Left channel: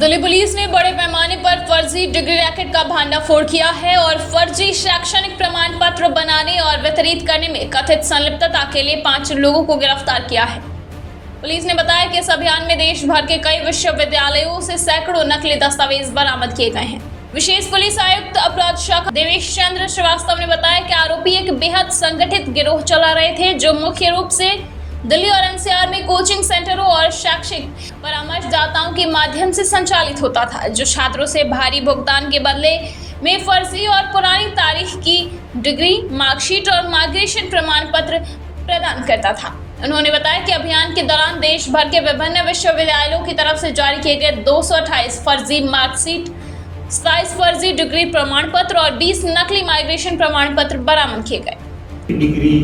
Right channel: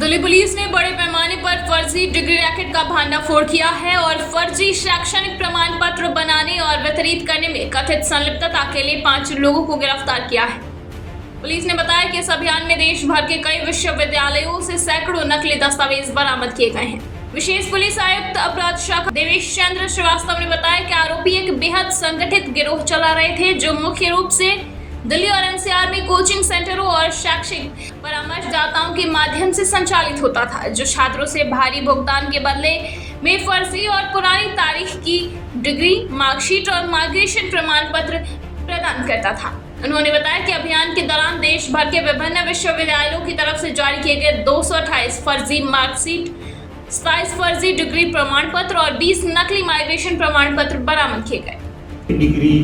Delhi police ने बड़े पैमाने पर फर्जी डिग्री रैकेट का भंडाफोड़ किया है और फर्जी शैक्षणिक प्रमाण पत्र बनाने और वितरित करने में कथित संलिप्तता के लिए 5 लोगों को गिरफ्तार किया है। पुलिस ने बताया कि इस अभियान में देश भर के कई विश्वविद्यालयों से सैकड़ों नकली दस्तावेज बरामद किए गए हैं। विशेष पुलिस आयुक्त अपराध शाखा देवेश चंद्र श्रीवास्तव ने बताया कि आरोपी एक बेहद संगठित गिरोह चला रहे थे, जो मुख्य रूप से दिल्ली और एनसीआर में कोचिंग सेंटरों और शैक्षिक परामर्शदाताओं के माध्यम से संचालित होता था, जो छात्रों से भारी भुगतान के बदले में फर्जी और पुरानी तारीख की डिग्री, मार्कशीट और माइग्रेशन प्रमाण पत्र प्रदान करता था। उन्होंने बताया कि अभियान के दौरान देश भर के विभिन्न विश्वविद्यालयों की तरफ से जारी किए गए 228 फर्जी मार्कशीट, 27 फर्जी डिग्री प्रमाण पत्र और 20 नकली माइग्रेशन प्रमाण पत्र बरामद किए गए। डिग्री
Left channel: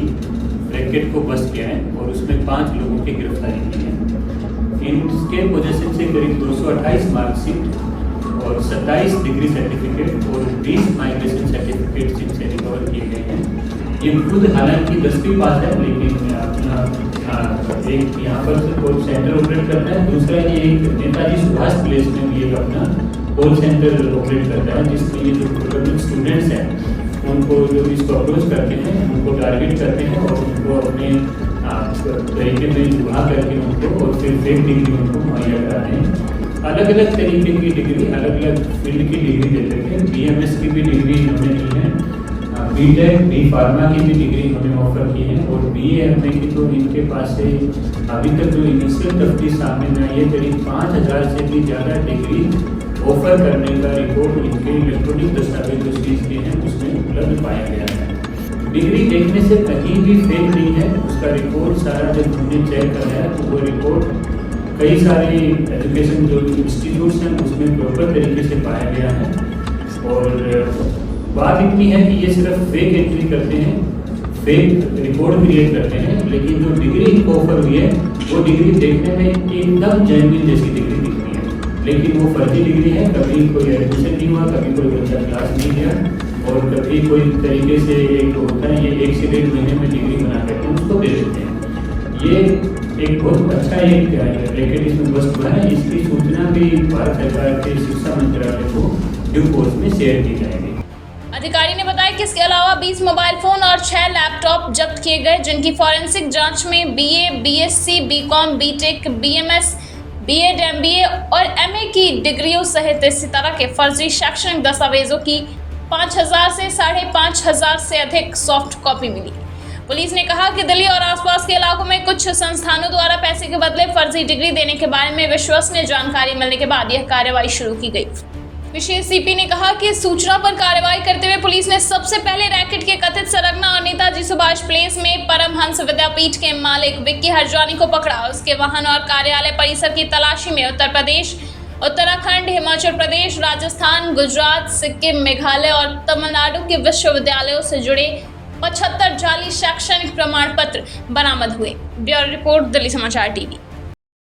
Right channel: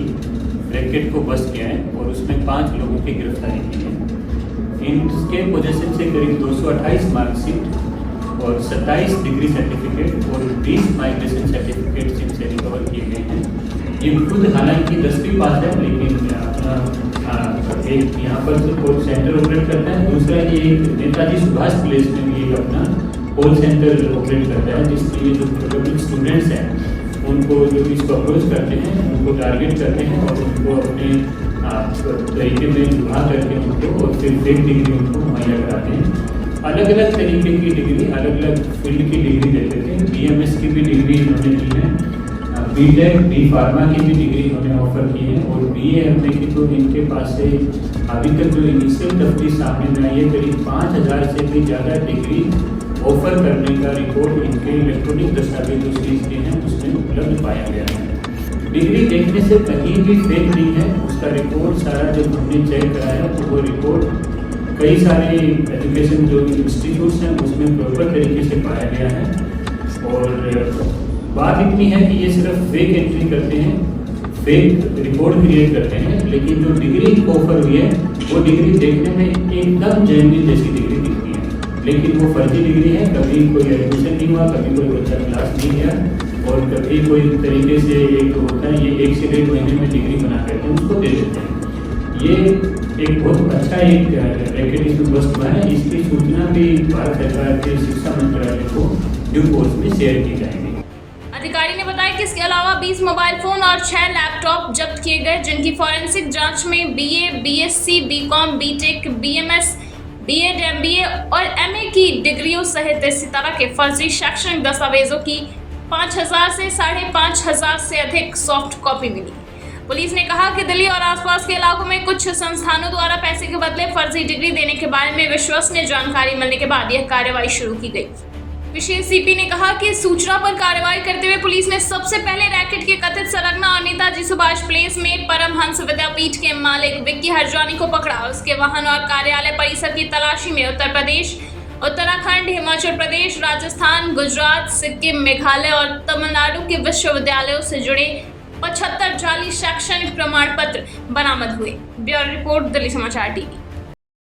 रैकेट को बस्ट किया है और उसमें 5 लोगों की गिरफ्तारी की है। इनके पोजेशन से करीब 228 मार्कशीट और 27 डिग्री सर्टिफिकेट और 20 माइग्रेशन सर्टिफिकेट इनसे रिकवर किए गए हैं। ये खुद हालांकि 10वीं पास है, लेकिन अपना एक यहाँ पर कॉल सेंटर ऑपरेट करता है, दूसरा ये एक नेताजी सुभाष प्लेस में भी एक अपना कॉल सेंटर ऑपरेट करता है, जिसमें ये जो प्रोबेबल स्टूडेंट्स हैं उनको जो इसको अप्रोच करते हैं, उनको टारगेट करते हैं और उनको अपने तरीके में जुड़ा करके उनको और फिर फेक डिग्री उनको मुहैया कराते हैं। अलग अलग तरीके की डिग्री, अलग अलग फील्ड की डिग्री देते थे। BMS की भी डिग्री इन्होंने दी है, BTech, B फार्मा की भी डिग्री इन्होंने ऑफर की है और BA की तो इनके पास से अभी तक जो इनिशियल तफ्तीश सामने में आई है, करीब 5000 से भी ज़्यादा डिग्री ऑफर करने का रिकॉर्ड इनके इलेक्ट्रॉनिक दस्तावेज जो सीज के हैं उसमें उपलब्ध पाया गया है। डिग्री देखने से कहीं भी फेक नहीं है, उसका रिकॉर्ड सारा जब हमने चेक कराया तो वो रिकॉर्ड कई सारे एजुकेशन जो इंस्टीट्यूट्स हैं उसमें प्रॉपर तरीके से पाया गया है। और बात इतनी है कि ये सिर्फ फेक एंट्री करते हैं, फेक रिकॉर्ड क्रिएट करते हैं, लेकिन जो डिग्री इनको ऑफर हुई है वो डिग्री देखने में एकदम जेन्युइन जैसी डिग्री दिखती है, लेकिन वो फर्जी डिग्री है। कभी कोई एडमिशन नहीं हुआ, कभी कोई बच्चा क्लास नहीं गया और कभी कोई तरीके से एक होता है ये 1 से 1.5 महीने में डिग्री बना करके उसको दे देते हैं। ये एक बहुत अच्छा एक रैकेट इसमें बस्ट हुआ है। इसकी सूचना भी भारत सरकार के शिक्षा मंत्रालय को ड्यू कोर्स में शेयर की जाएगी। अधिकारी ने बताया कि इसके अलावा 20 मोबाइल फोन और 6 लैपटॉप जब्त किए गए, जिनकी फॉरेंसिक जांच में BA, BSc, BCom, BTech, BMS, BEd, MBA और MA की डिग्रियों सहित इसी तरह के फर्जी शैक्षणिक दस्तावेजों की 5000 से 5500 से अधिक सॉफ्ट कॉपी मिली। पुलिस ने कहा कि दिल्ली और आसपास के इलाकों में कुछ संस्थानों द्वारा पैसे के बदले फर्जी डिग्री देने के बारे में विश्वसनीय जानकारी मिलने के बाद यह कार्रवाई शुरू की गई। विशेष CP ने कहा कि सूचना पर कार्रवाई करते हुए पुलिस ने सबसे पहले रैकेट के कथित सरगना और नेताजी सुभाष प्लेस में परमहंस विद्यापीठ के मालिक विक्की हरजानी को पकड़ा। उसके वाहन और कार्यालय परिसर की तलाशी में उत्तर प्रदेश, उत्तराखंड, हिमाचल प्रदेश, राजस्थान, गुजरात, सिक्किम, मेघालय और तमिलनाडु के विश्वविद्यालयों से जुड़े 75 जाली शैक्षणिक प्रमाण पत्र बरामद हुए। ब्यूरो रिपोर्ट, दिल्ली समाचार TV।